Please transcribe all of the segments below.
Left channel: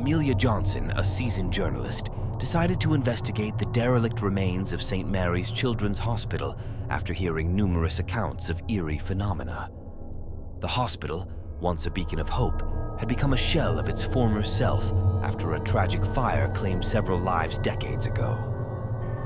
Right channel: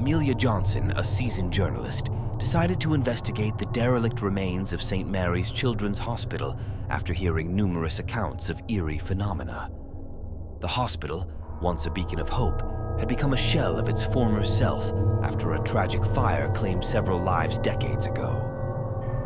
Amelia Johnson, a seasoned journalist, decided to investigate the derelict remains of St. Mary's Children's Hospital after hearing numerous accounts of eerie phenomena. The hospital, once a beacon of hope, had become a shell of its former self after a tragic fire claimed several lives decades ago.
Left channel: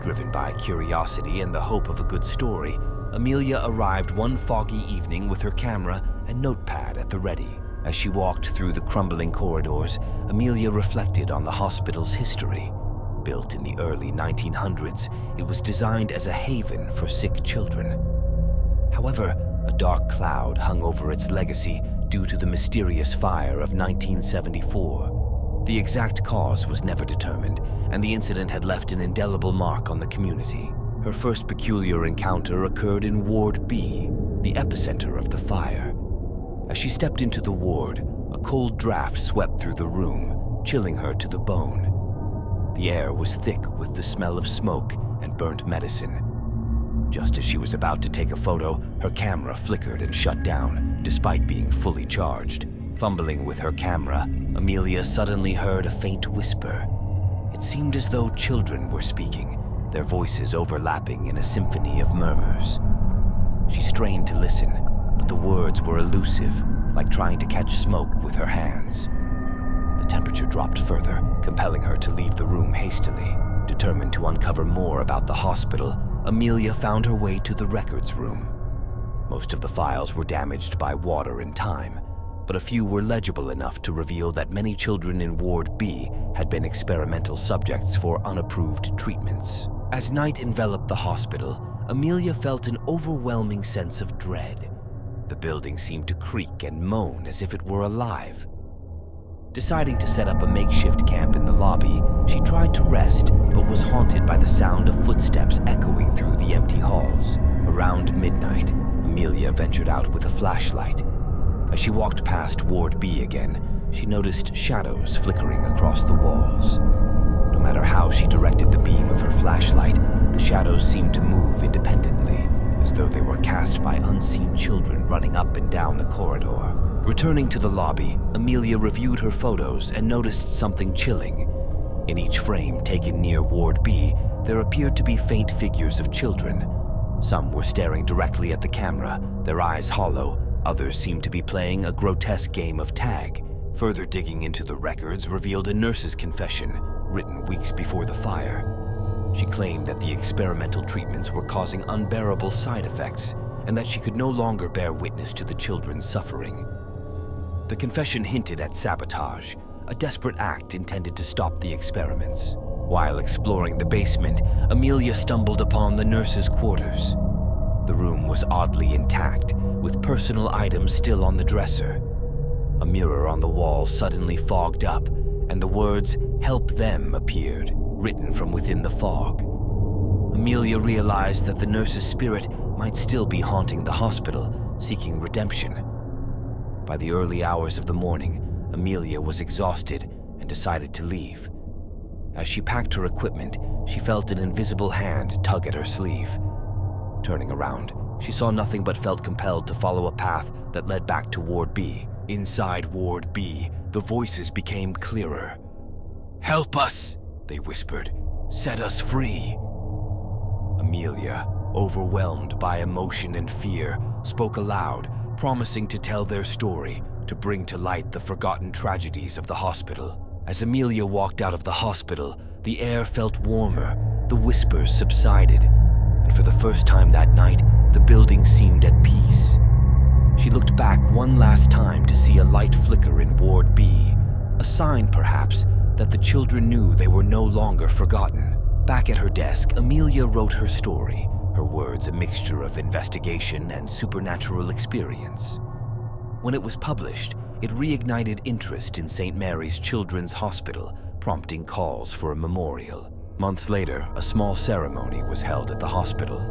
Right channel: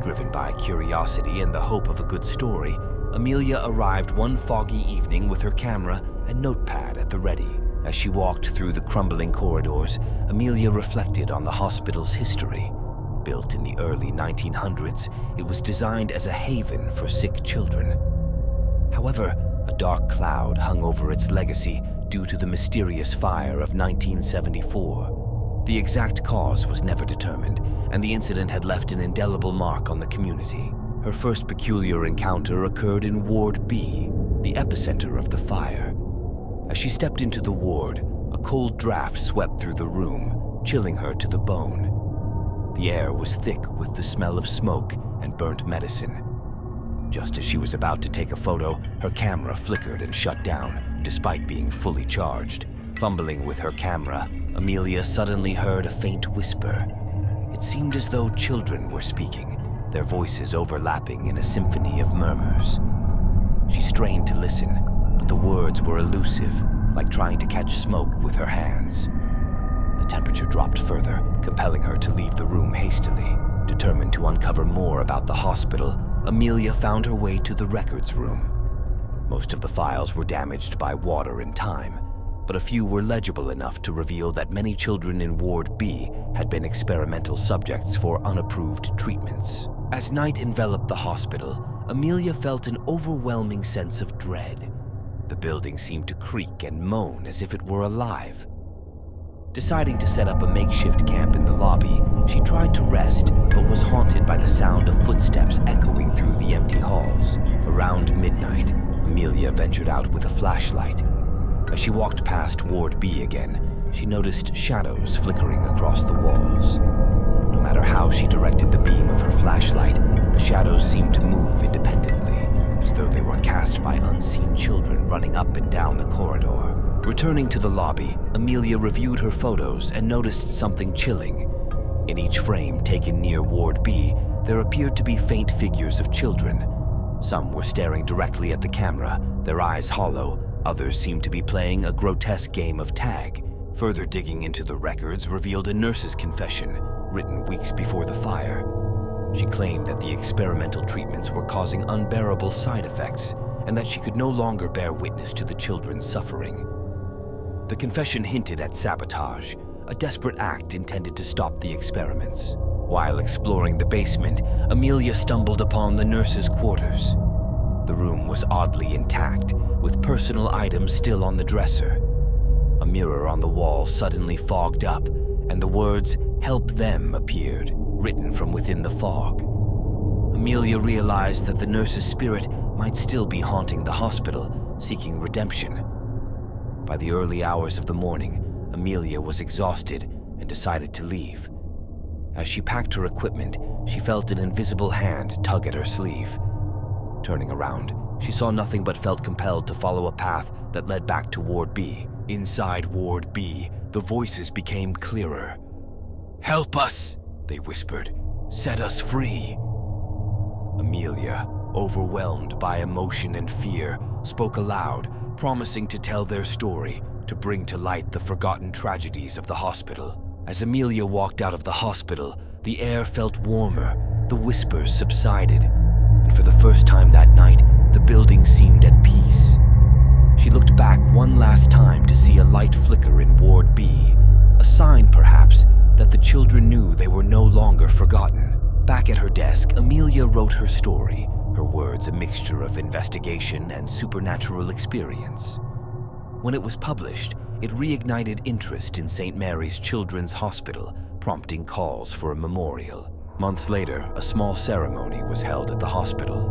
Driven by curiosity and the hope of a good story, Amelia arrived one foggy evening with her camera and notepad at the ready. As she walked through the crumbling corridors, Amelia reflected on the hospital's history. Built in the early 1900s, it was designed as a haven for sick children. However, a dark cloud hung over its legacy due to the mysterious fire of 1974. The exact cause was never determined, and the incident had left an indelible mark on the community. Her first peculiar encounter occurred in Ward B, the epicenter of the fire. As she stepped into the ward, a cold draft swept through the room, chilling her to the bone. The air was thick with the smell of smoke and burnt medicine. Just as she was about to take a photo, her camera flickered and shut down, despite being fully charged. Fumbling with her camera, Amelia suddenly heard a faint whisper. It seemed as though children were speaking, their voices overlapping in a symphony of murmurs. She strained to listen, but the words were elusive, like trying to catch smoke with her hands. The temperature dropped further, compelling her to leave the room hastily. Determined to uncover more about the hospital, Amelia found her way to the records room. Most of the files were damaged by water and time, but a few were legible enough to reveal that many children in Ward B had been experimental subjects for unapproved treatments. As night enveloped the hospital, Amelia felt an overwhelming sense of dread. The building seemed to creak and moan as if it were alive. Deciding to set up a makeshift camp in the lobby, she tried to rest, but was haunted by the sound of footsteps echoing through the empty halls. Around midnight, Amelia ventured out with a flashlight. As she walked past Ward B again, she noticed shadows flickering across the walls. No matter how she directed the beam of her flashlight, the shadows seemed to move independently, as though they were cast by unseen children running up and down the corridor. Returning to the lobby, Amelia reviewed her photos and noticed something chilling. In each frame taken near Ward B, there appeared to be faint figures of children. Some were staring directly at the camera, their eyes hollow. Others seemed to be playing a grotesque game of tag. Further digging into the records revealed a nurse's confession, written weeks before the fire. She claimed that the experimental treatments were causing unbearable side effects, and that she could no longer bear witness to the children's suffering. The confession hinted at sabotage, a desperate act intended to stop the experiments. While exploring the basement, Amelia stumbled upon the nurse's quarters. The room was oddly intact, with personal items still on the dresser. A mirror on the wall suddenly fogged up, and the words, "Help them," appeared, written from within the fog. Amelia realized that the nurse's spirit might still be haunting the hospital, seeking redemption. By the early hours of the morning, Amelia was exhausted and decided to leave. As she packed her equipment, she felt an invisible hand tug at her sleeve. Turning around, she saw nothing but felt compelled to follow a path that led back to Ward B. Inside Ward B, the voices became clearer. "Help us," they whispered. "Set us free." Amelia, overwhelmed by emotion and fear, spoke aloud, promising to tell their story, to bring to light the forgotten tragedies of the hospital. As Amelia walked out of the hospital, the air felt warmer, the whispers subsided, and for the first time that night, the building seemed at peace. She looked back one last time to see a light flicker in Ward B, a sign, perhaps, that the children knew they were no longer forgotten. Back at her desk, Amelia wrote her story, her words a mixture of investigation and supernatural experience. When it was published, it reignited interest in St. Mary's Children's Hospital, prompting calls for a memorial. Months later, a small ceremony was held at the hospital.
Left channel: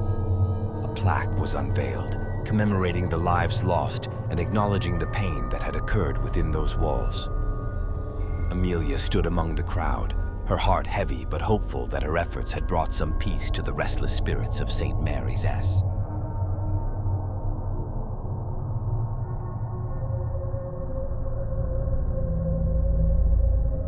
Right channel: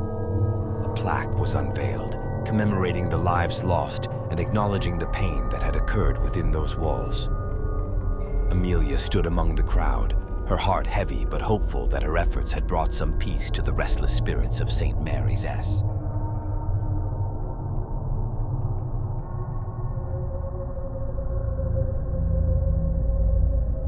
A plaque was unveiled, commemorating the lives lost and acknowledging the pain that had occurred within those walls. Amelia stood among the crowd, her heart heavy but hopeful that her efforts had brought some peace to the restless spirits of St. Mary's S.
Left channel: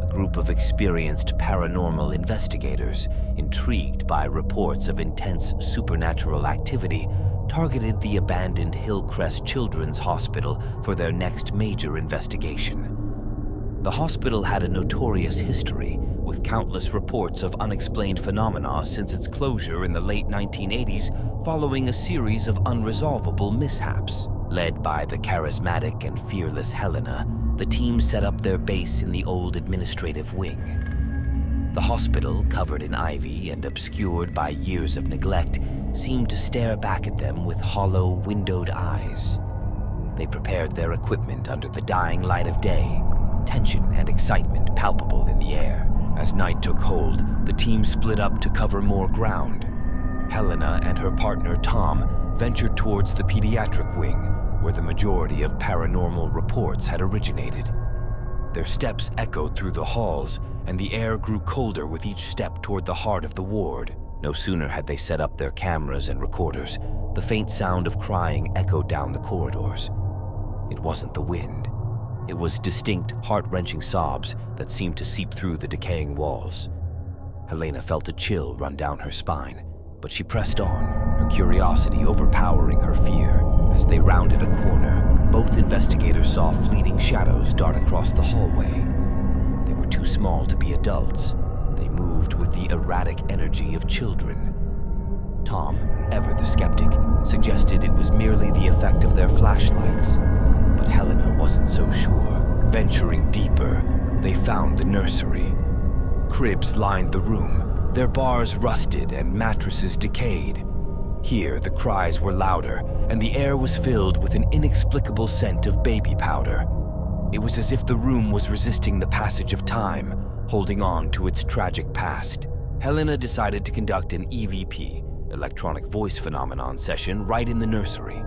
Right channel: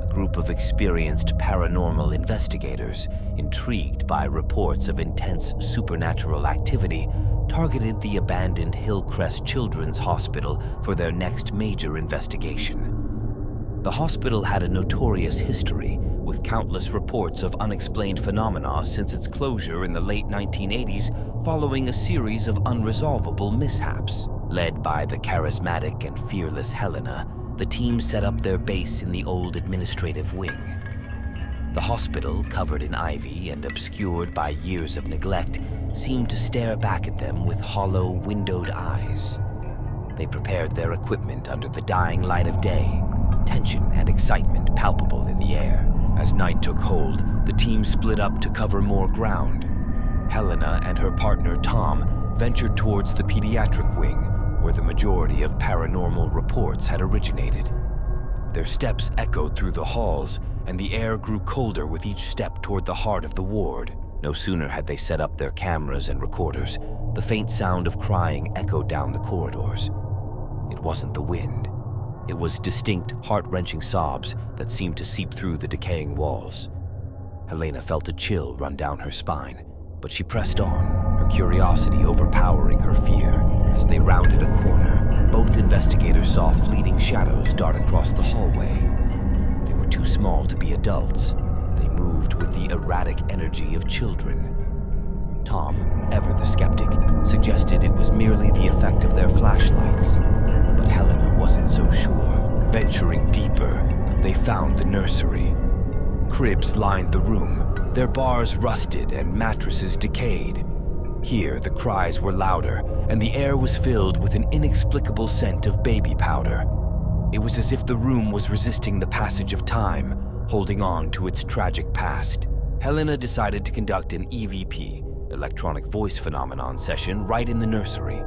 A group of experienced paranormal investigators, intrigued by reports of intense supernatural activity, targeted the abandoned Hillcrest Children's Hospital for their next major investigation. The hospital had a notorious history, with countless reports of unexplained phenomena since its closure in the late 1980s following a series of unresolvable mishaps. Led by the charismatic and fearless Helena, the team set up their base in the old administrative wing. The hospital, covered in ivy and obscured by years of neglect, seemed to stare back at them with hollow, windowed eyes. They prepared their equipment under the dying light of day, tension and excitement palpable in the air. As night took hold, the team split up to cover more ground. Helena and her partner Tom ventured towards the pediatric wing, where the majority of paranormal reports had originated. Their steps echoed through the halls, and the air grew colder with each step toward the heart of the ward. No sooner had they set up their cameras and recorders, the faint sound of crying echoed down the corridors. It wasn't the wind. It was distinct, heart-wrenching sobs that seemed to seep through the decaying walls. Helena felt a chill run down her spine, but she pressed on, her curiosity overpowering her fear. As they rounded a corner, both investigators saw fleeting shadows dart across the hallway. They were too small to be adults. They moved with the erratic energy of children. Tom, ever the skeptic, suggested it was merely the effect of their flashlights. But Helena wasn't so sure. Venturing deeper, they found the nursery. Cribs lined the room, their bars rusted and mattresses decayed. Here, the cries were louder, and the air was filled with an inexplicable scent of baby powder. It was as if the room was resisting the passage of time, holding on to its tragic past. Helena decided to conduct an EVP, electronic voice phenomenon session, right in the nursery.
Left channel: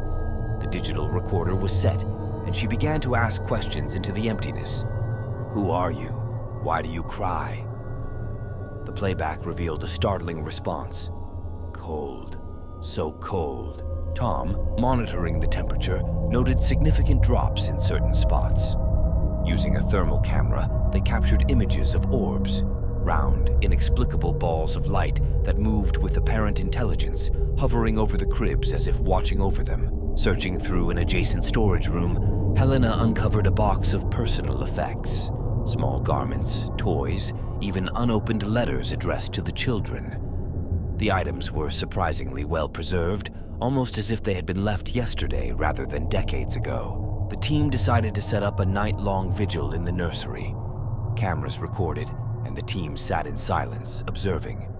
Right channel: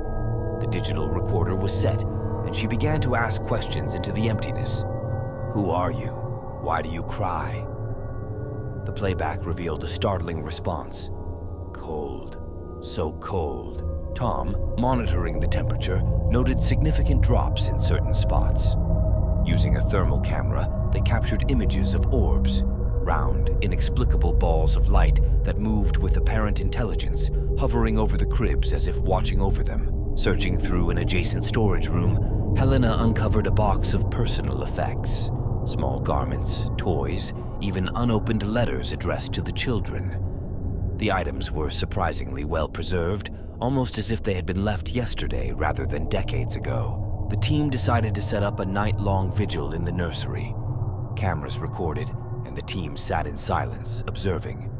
The digital recorder was set, and she began to ask questions into the emptiness. Who are you? Why do you cry? The playback revealed a startling response. Cold. So cold. Tom, monitoring the temperature, noted significant drops in certain spots. Using a thermal camera, they captured images of orbs, round, inexplicable balls of light that moved with apparent intelligence, hovering over the cribs as if watching over them. Searching through an adjacent storage room, Helena uncovered a box of personal effects. Small garments, toys, even unopened letters addressed to the children. The items were surprisingly well preserved, almost as if they had been left yesterday rather than decades ago. The team decided to set up a night-long vigil in the nursery. Cameras recorded, and the team sat in silence, observing.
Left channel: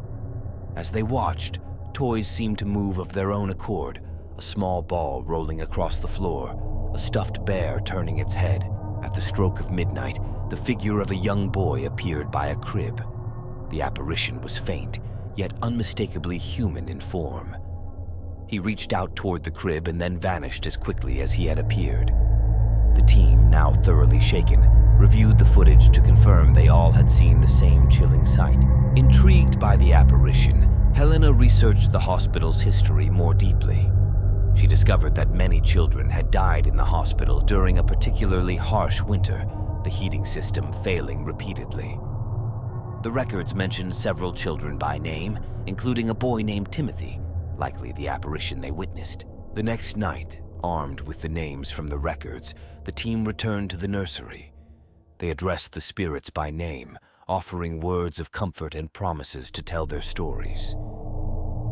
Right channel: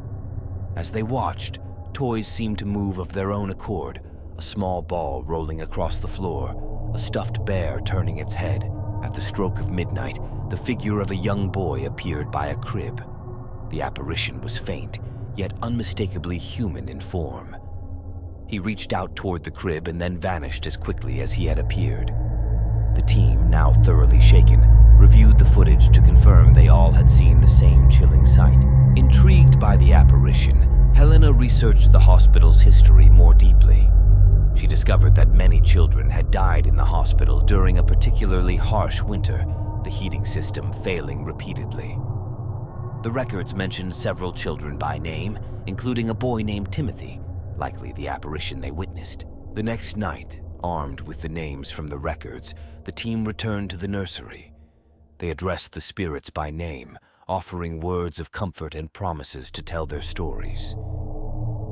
As they watched, toys seemed to move of their own accord, a small ball rolling across the floor, a stuffed bear turning its head. At the stroke of midnight, the figure of a young boy appeared by a crib. The apparition was faint, yet unmistakably human in form. He reached out toward the crib and then vanished as quickly as he had appeared. The team, now thoroughly shaken, reviewed the footage to confirm they all had seen the same chilling sight. Intrigued by the apparition, Helena researched the hospital's history more deeply. She discovered that many children had died in the hospital during a particularly harsh winter, the heating system failing repeatedly. The records mentioned several children by name, including a boy named Timothy, likely the apparition they witnessed. The next night, armed with the names from the records, the team returned to the nursery. They addressed the spirits by name, offering words of comfort and promises to tell their stories.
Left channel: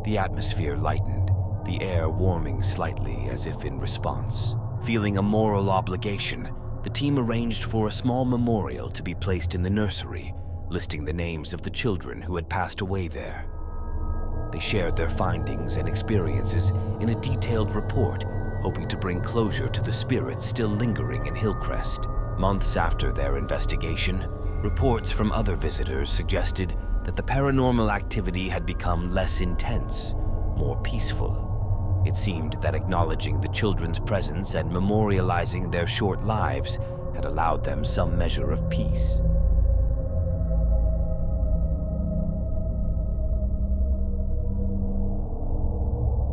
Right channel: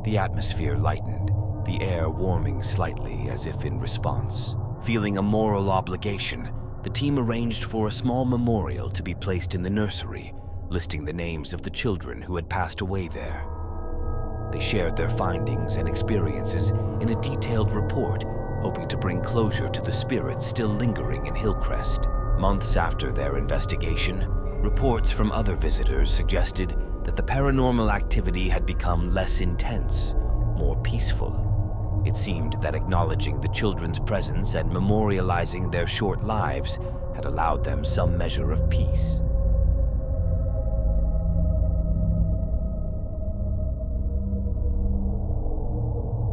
The atmosphere lightened, the air warming slightly as if in response. Feeling a moral obligation, the team arranged for a small memorial to be placed in the nursery, listing the names of the children who had passed away there. They shared their findings and experiences in a detailed report, hoping to bring closure to the spirits still lingering in Hillcrest. Months after their investigation, reports from other visitors suggested that the paranormal activity had become less intense, more peaceful. It seemed that acknowledging the children's presence and memorializing their short lives had allowed them some measure of peace.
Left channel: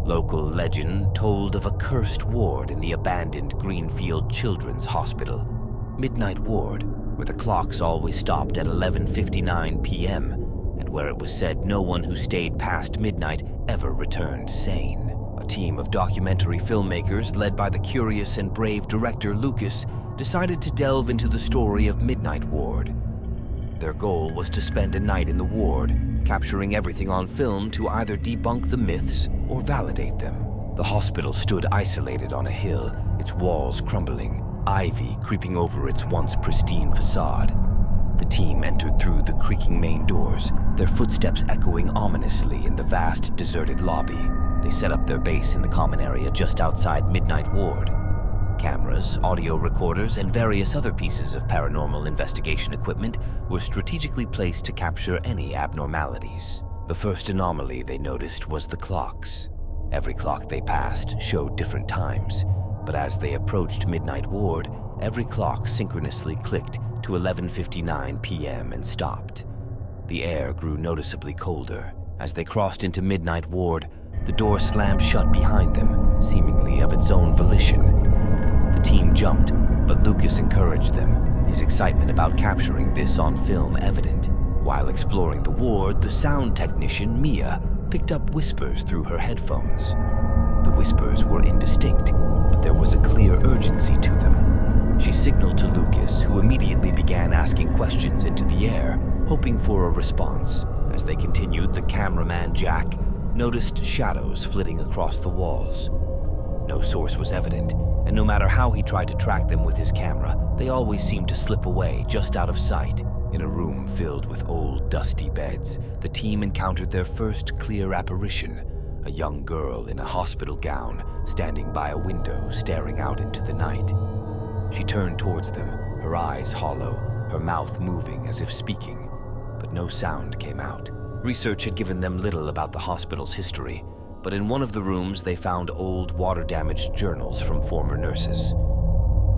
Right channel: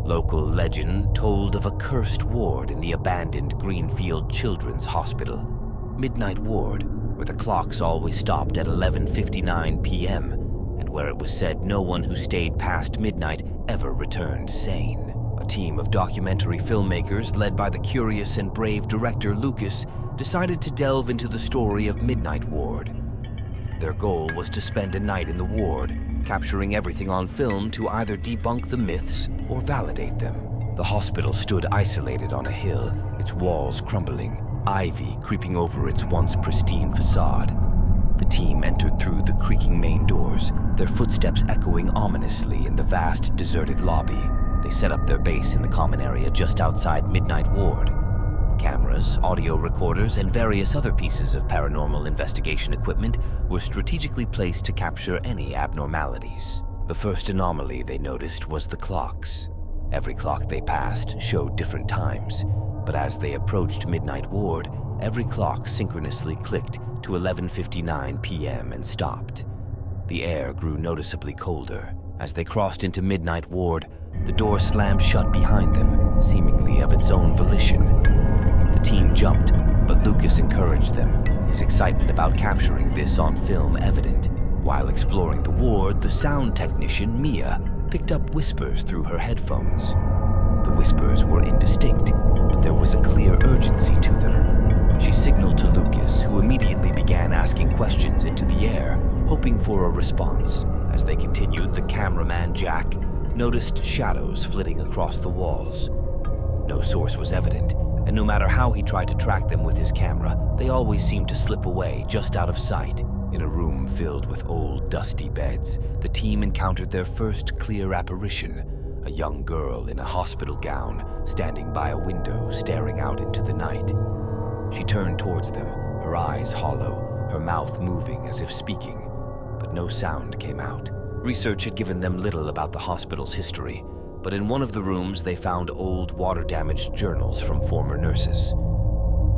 Local legend told of a cursed ward in the abandoned Greenfield Children's Hospital. Midnight Ward, where the clocks always stopped at 11:59 p.m., and where it was said no one who stayed past midnight ever returned sane. A team of documentary filmmakers, led by the curious and brave director Lucas, decided to delve into the story of Midnight Ward. Their goal was to spend a night in the ward, capturing everything on film to either debunk the myths or validate them. The hospital stood isolated on a hill, its walls crumbling, ivy creeping over its once pristine facade. The team entered through the creaking main doors, their footsteps echoing ominously in the vast, deserted lobby. They set up their base in the common area just outside Midnight Ward. Cameras, audio recorders, and various other pieces of paranormal investigation equipment were strategically placed to capture any abnormalities. The first anomaly they noticed was the clocks. Every clock they passed showed different times, but as they approached Midnight Ward, every clock synchronously clicked to 11:59 p.m. and stopped. The air grew noticeably colder. As they crossed into Midnight Ward, the door slammed shut behind them, seemingly of its own volition. The team jumped, but Lucas encouraged them, his excitement about capturing this on film evident. While exploring the ward, the sound technician, Mia, picked up whispers through her headphones. The whispers were indistinct, but there was a clear urgency to them. She signaled to Lucas, who immediately began asking questions into the air, hoping for a response. As they continued, the cameraman, Jack, noticed shadows flitting across the walls. No source was evident, and no matter how he tried to track them with his camera, they always seemed to slip away just out of sight. In a room filled with old, dusty beds, the team encountered their first clear apparition, a young girl in a hospital gown, standing by a window, staring out into the night. She turned towards them, her eyes hollow, her mouth moving as if speaking, but no sound came out. Research had given them little about the hospital's history, but in one of the rooms they found old, water-damaged journals from former nurses.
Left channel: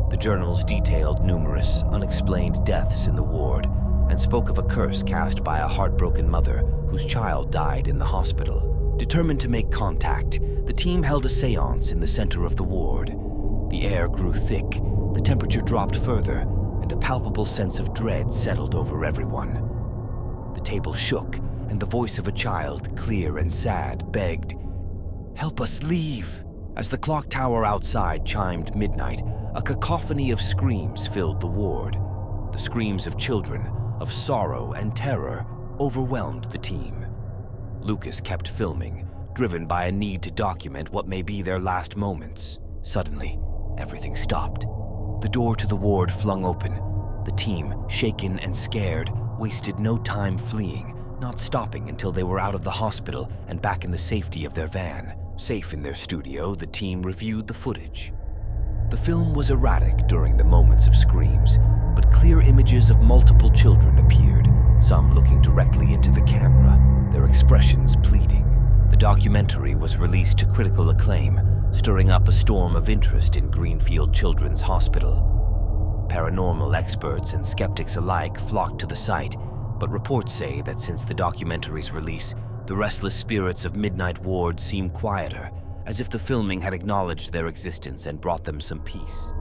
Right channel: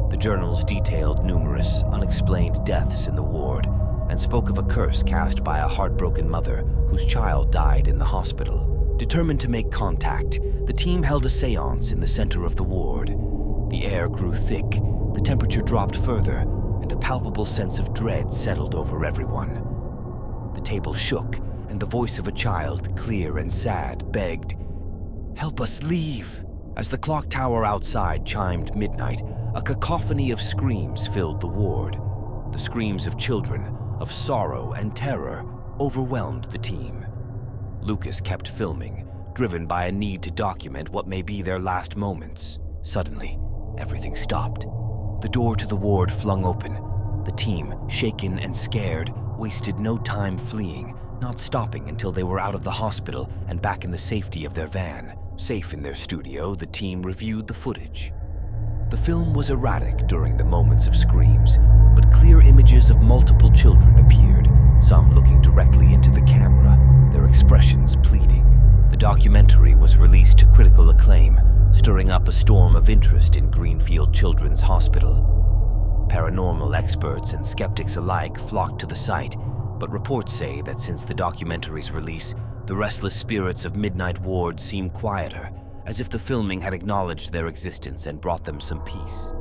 The journals detailed numerous, unexplained deaths in the ward and spoke of a curse cast by a heartbroken mother whose child died in the hospital. Determined to make contact, the team held a séance in the center of the ward. The air grew thick, the temperature dropped further, and a palpable sense of dread settled over everyone. The table shook, and the voice of a child, clear and sad, begged, "Help us leave." As the clock tower outside chimed midnight, a cacophony of screams filled the ward. The screams of children, of sorrow and terror, overwhelmed the team. Lucas kept filming, driven by a need to document what may be their last moments. Suddenly, everything stopped. The door to the ward flung open. The team, shaken and scared, wasted no time fleeing, not stopping until they were out of the hospital and back in the safety of their van. Safe in their studio, the team reviewed the footage. The film was erratic during the moments of screams, but clear images of multiple children appeared, some looking directly into the camera, their expressions pleading. The documentary was released to critical acclaim, stirring up a storm of interest in Greenfield Children's Hospital. Paranormal experts and skeptics alike flocked to the site, but reports say that since the documentary's release, the restless spirits of Midnight Ward seem quieter, as if the filming had acknowledged their existence and brought them some peace.